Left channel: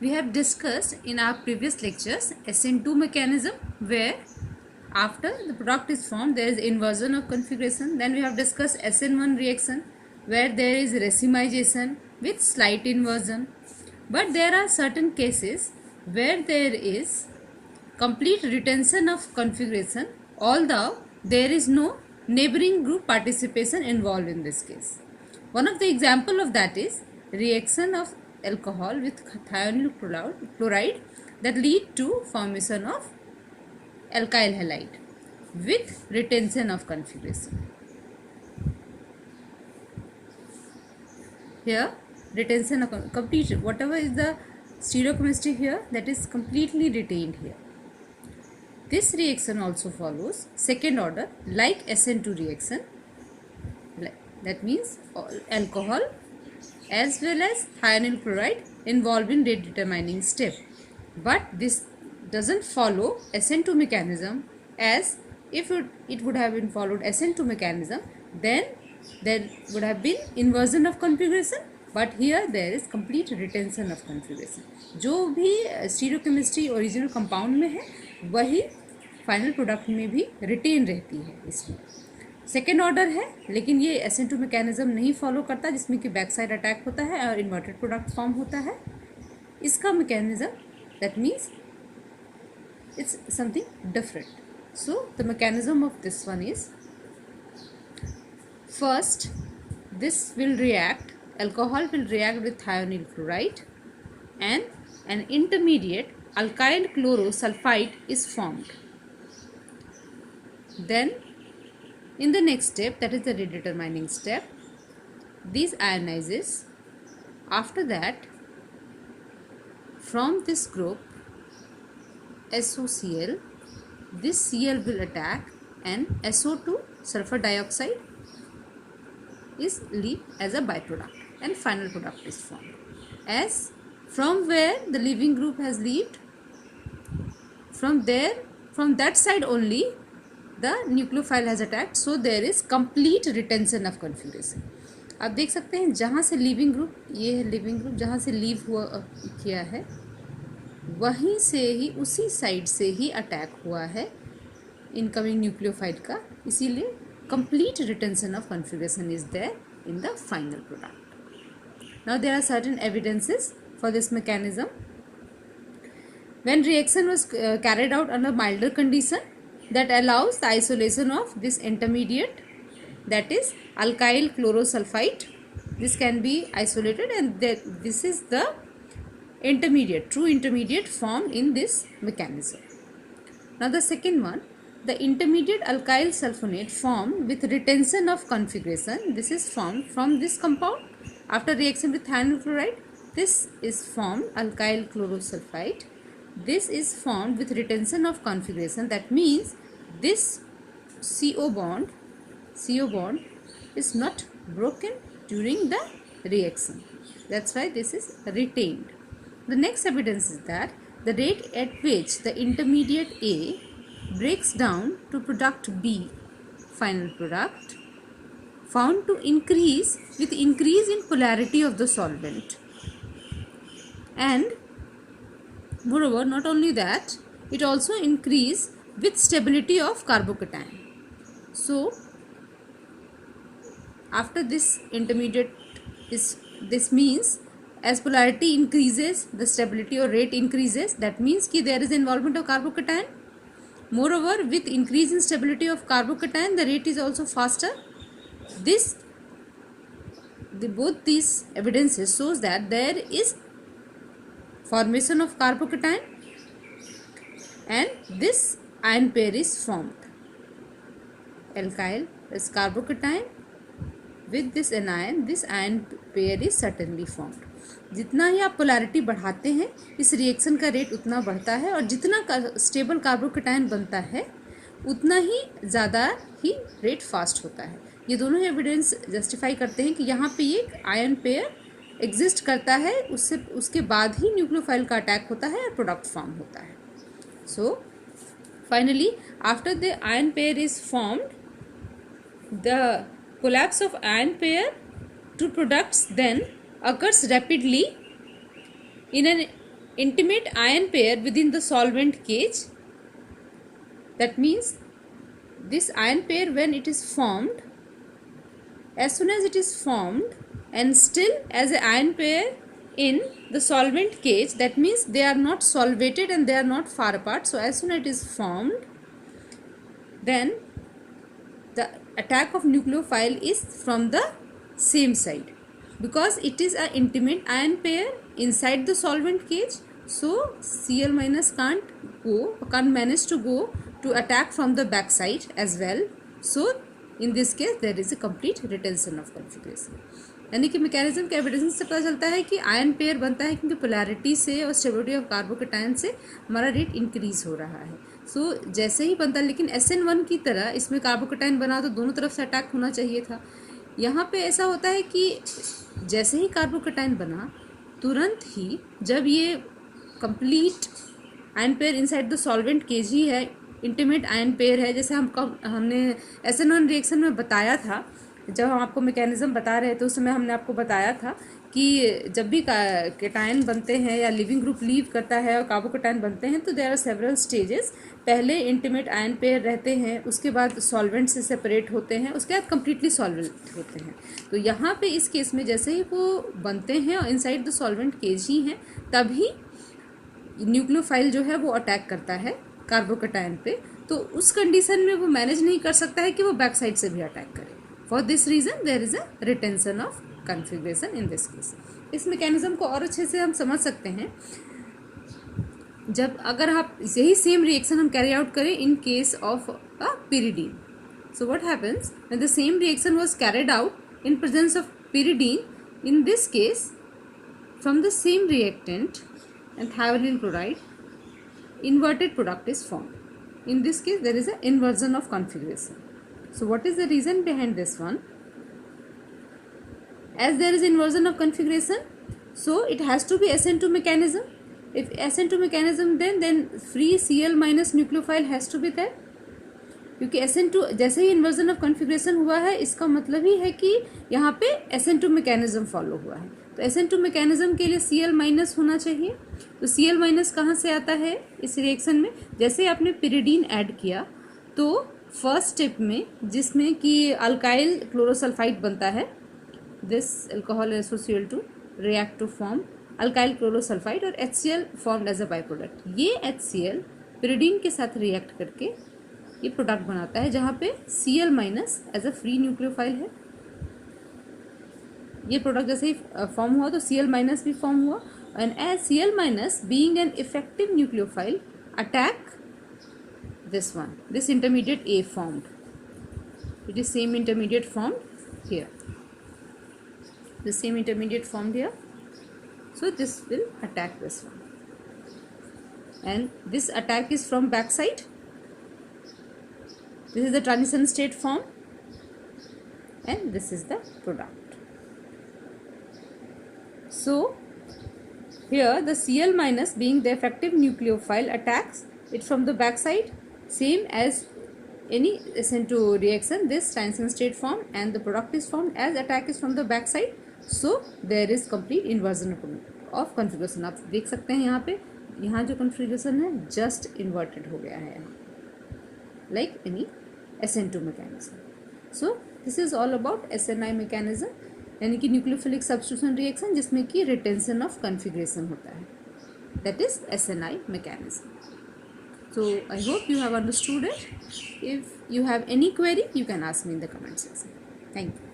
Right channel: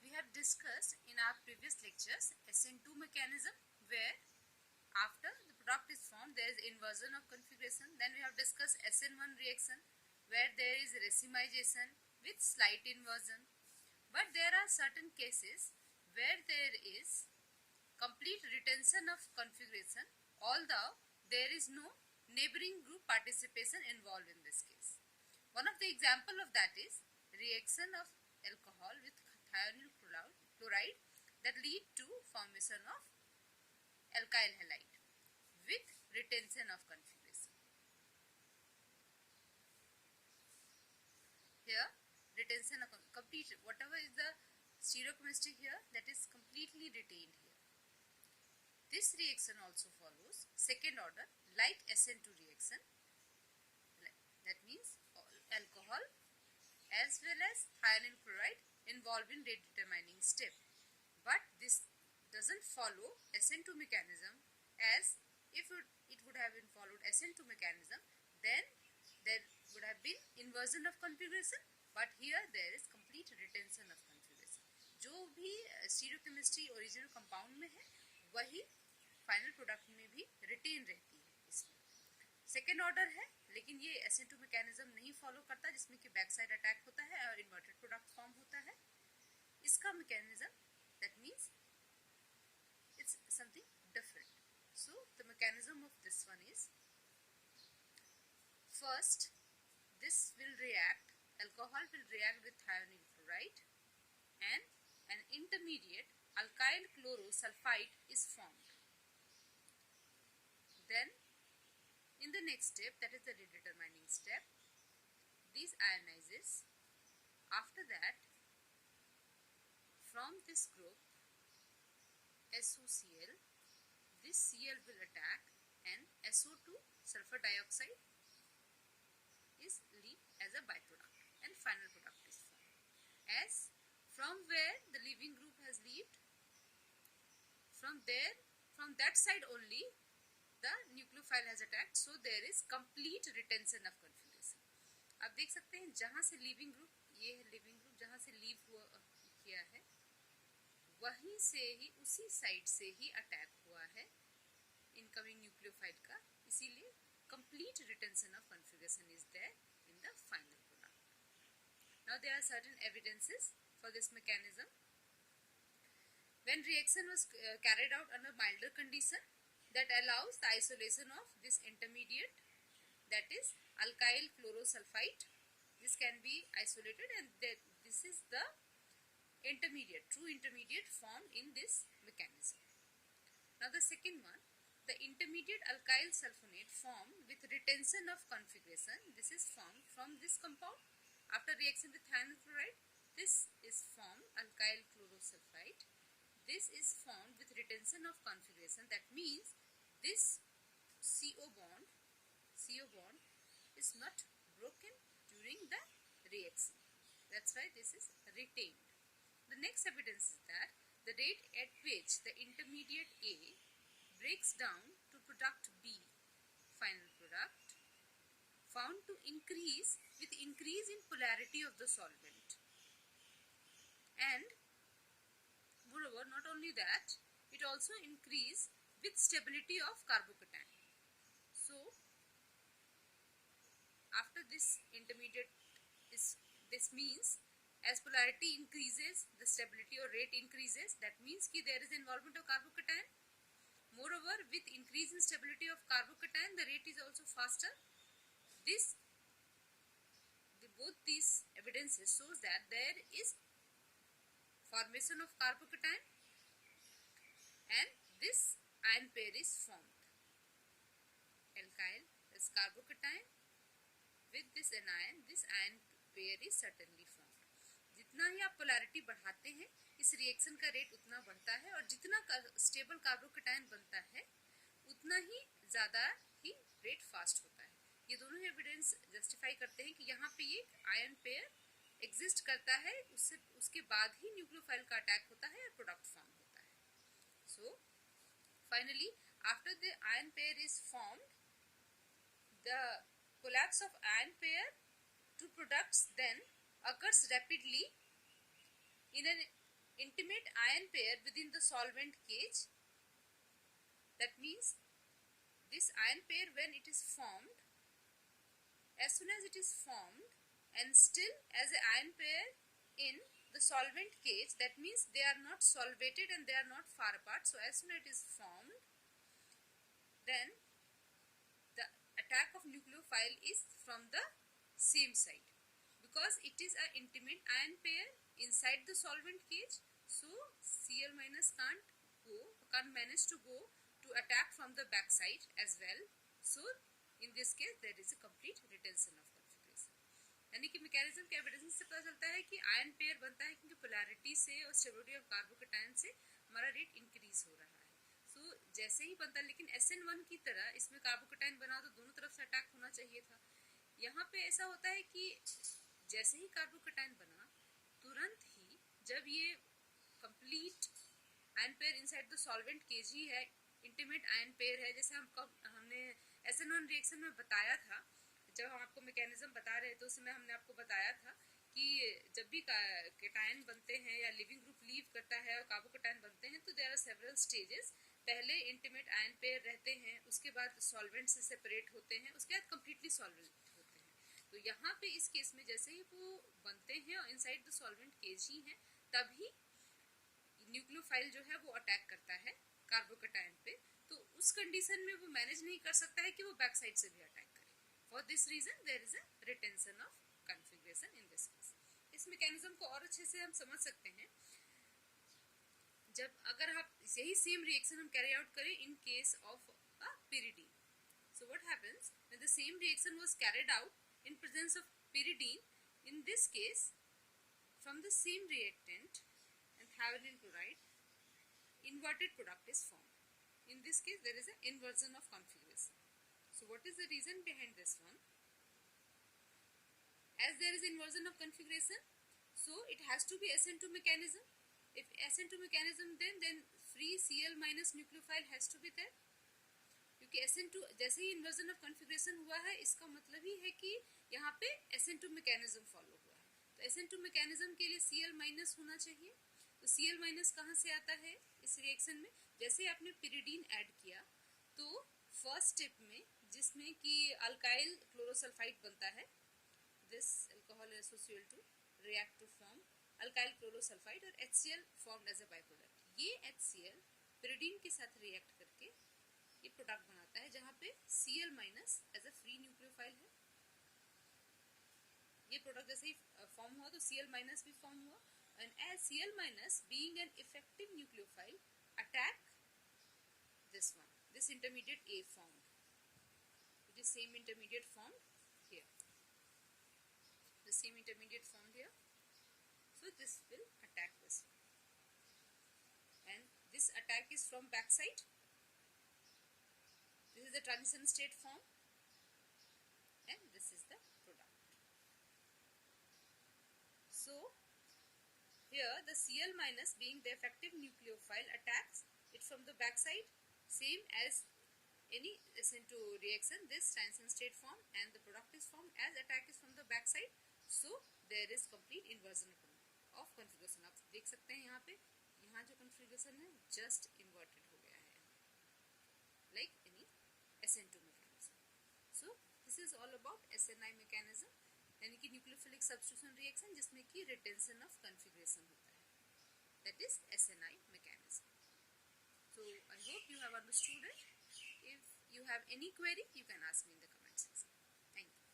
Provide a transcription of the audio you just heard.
We have discussed in our previous lectures SN2 mechanism, where after the product is formed there is inversion of configuration. Then we have discussed SN1 reaction, where there is racemization with slight inversion. But there are certain cases where there is complete retention of configuration, although there is no neighboring group participation involved in this case. One of the example of that is reaction of alcohol with thionyl chloride that lead to formation of alkyl halide with retention of configuration. Here retention of complete, whatever is the stereochemistry here, that is completely retained here. This reaction also follows second order like SN2 reaction. That means alcohol as well as thionyl chloride involved in rate determining step. But this doesn't follow SN2 mechanism, as if it would have been followed SN2 mechanism, then there would have been inversion of configuration, but here there is complete retention of configuration. जो भी stereochemistry original compound में है वही final product में भी retain रहती है। इसमें सेकेंड ऑर्डर है, लेकिन ये SN2 मैकेनिज्म नहीं फॉलो करता, जिसमें कि बैक साइड अटैक होता है और इन्वर्टेड प्रोडक्ट फॉर्म होता है। इसका mechanism that means it's something different. So the mechanism of this one is, first this will react, alcohol will react with thionyl chloride and an intermediate alkyl chlorosulfide is formed. Then in the next step, that is the redetermining step, these ionizes. After that, from this group SOCl, this Cl will attack and SO2 sulfur dioxide is leave as a byproduct and final product is formed. As from where the leaving group has left, from that side only the nucleophile has attacked, so there is complete retention of configuration. आप देख सकते हैं जहाँ से leaving group, ये है leaving group, जहाँ से लीव हुआ किया है वहीं से ही उसी साइड से ही अटैक हुआ है इनकमिंग न्यूक्लियोफाइल का, इसीलिए complete retention of configuration is there in the final product. Now there are certain evidences for this mechanism. When reaction was carried out under milder condition that allows the isolation of this intermediate, that is alkyl chlorosulfide. This can be isolated, and this is the intermediate, true intermediate formed in this mechanism. Now the second one, the intermediate alkyl sulfonate formed with retention of configuration. This is formed from this compound after reaction with thionyl chloride. This is formed alkyl chlorosulfide. This is formed with retention of configuration. That means this CO bond is not broken during the reaction. That's why this is retained. The next evidence is that the rate at which the intermediate A breaks down to product B, final product, found to increase with increase in polarity of the solvent. And moreover, not only that, it also increase with stability of carbocation. So after this intermediate is, this means as polarity increases, the stability or rate increases. That means कि there is involvement of carbocation. Moreover, with increase in stability of carbocation, the rate is also faster. Both these evidences shows that there is formation of carbocation and this ion pair is formed. Alkyl is carbocation with this anion, this ion pair is certainly formed. जितना ही आप polarity बढ़ाते हैं इस reaction का rate उतना बढ़ता है, और जितना स्टेबल कार्बोकेटायन बनता है उतना ही ज़्यादा ही रेट फास्ट होता है. ये दोनों एविडेंस जस्टिफाई करते हैं कि यहाँ पे ये आयन पेयर एग्जिस्ट करता है, उसके बाद ही न्यूक्लियोफाइल का अटैक होता है और प्रोडक्ट फॉर्म होता है. So finally after the ion pair is formed, the collapse of ion pair to products then occurs rapidly in an intimate ion pair within the solvent cage. That means this ion pair, when it is formed, as soon as it is formed and still as an ion pair in the solvent cage, that means they are not solvated and they are not far apart. So as soon as it is formed, then the attack of nucleophile is from the same side, because it is an intimate ion pair inside the solvent cage. So Cl minus can't manage to go to attack from the back side as well. So in this case there is a complete retention of configuration. यानी कि mechanism के evidence से पता चलता है कि ion pair बनता है क्योंकि पोलैरिटी से और स्टेबिलिटी ऑफ कार्बोकेटायन से हमारा रेट इंक्रीज हो रहा है. सो जैसे ही बनता है, लेकिन SN1 की तरह इसमें कार्बोकेटायन बना तो दोनों तरफ से अटैक होना चाहिए था. यहाँ पे ऐसा होता है कि जैसे ही कार्बोकेटायन बना तुरंत ही, जब ये complete ion pair inside the solvent cage ही है, इंटीमेट आयन पेयर है, जैसे हमने SN1 रिएक्शन में बताया था, जब हम आपको मैकेनिज्म बता रहे थे उस समय हमने आपको बताया था कि जब भी केटायन बनते हैं या लिविंग ग्रुप लीव करता है और कार्बोकेटायन बनते हैं तो देयर आर सेवरल स्टेजेस. पहले इंटीमेट आयन पेयर रहते हैं, उसके बाद सॉल्वेंट से सेपरेट होते हैं, उसके बाद कम्प्लीटली सॉल्वेंट होते हैं. तो यहाँ पे इस केस में जैसे ही वो बनते हैं और इनसाइड द सॉल्वेंट केज ही हैं, तभी न्यूक्लियोफाइल जो है वो अटैक करता है कार्बोकेटायन पे. तो उस कंडीशन में वो मैनेज नहीं कर सकता है कि वो बैक साइड से भी अटैक करे. For this reason there is a retention of configuration in this case. इस मैकेनिज्म को और अच्छे से हम समझ सकते हैं जब अगर आप यही सेम रिएक्शन हम कैरी आउट करें in case of a pyridine. So what happens when the same reaction was carried out in presence of pyridine? In this case, from the same reactant and thionyl chloride, inverted product is formed. In this case, there is an inversion of configuration. So what is the reason behind this one? As there is inversion of configuration, so it has to be SN2 mechanism. If SN2 mechanism, then free Cl minus nucleophile has to be there. क्योंकि SN2 जैसे ही inversion of configuration हुआ है, इसका मतलब ही है कि यहाँ पे SN2 मैकेनिज्म फॉलो हुआ है. तो SN2 मैकेनिज्म के लिए Cl माइनस होना चाहिए. तो Cl माइनस कहाँ से आता है इस रिएक्शन में? जैसे ही आपने पिरिडीन ऐड किया तो फर्स्ट स्टेप में, जिसमें कि अल्काइल क्लोरोसल्फाइड बनता है, दिस अल्कोहल एसोसिएल to react to form alkyl chlorosulfide और HCl formed as a by product. ये HCl पिरिडीन के साथ रिएक्ट करके ये प्रोडक्ट बनाता है, जहाँ पे Cl minus as a free nucleophile है. ये प्रोडक्ट जैसे ही फॉर्म हुआ तो Cl माइनस भी फॉर्म हुआ, and as Cl minus being an effective nucleophile attack this one, this intermediate A formed. It is same intermediate formed here. The same intermediate formed here. So this will attack this one. And this attack is from back side. This is the transition state form. And this is the product. So here the Cl minus being the effective nucleophile attacks it from the back side. Same as any SN2 reaction, this transition state form and the product is formed as attack is from the back side. So there is complete inversion of configuration. आप देख सकते हैं यहाँ जो configuration है just inverted हो गया है यहाँ, like any SN2 mechanism. So this is all about SNI mechanism, यानी कि न्यूक्लियोफिलिक सब्स्टिट्यूशन रिएक्शन जिसमें कि रिटेंशन ऑफ कन्फिग्रेशन होता है, that is SNI mechanism. So I hope you have understood it. If you have any query, you can ask me in the comment section. Thank you.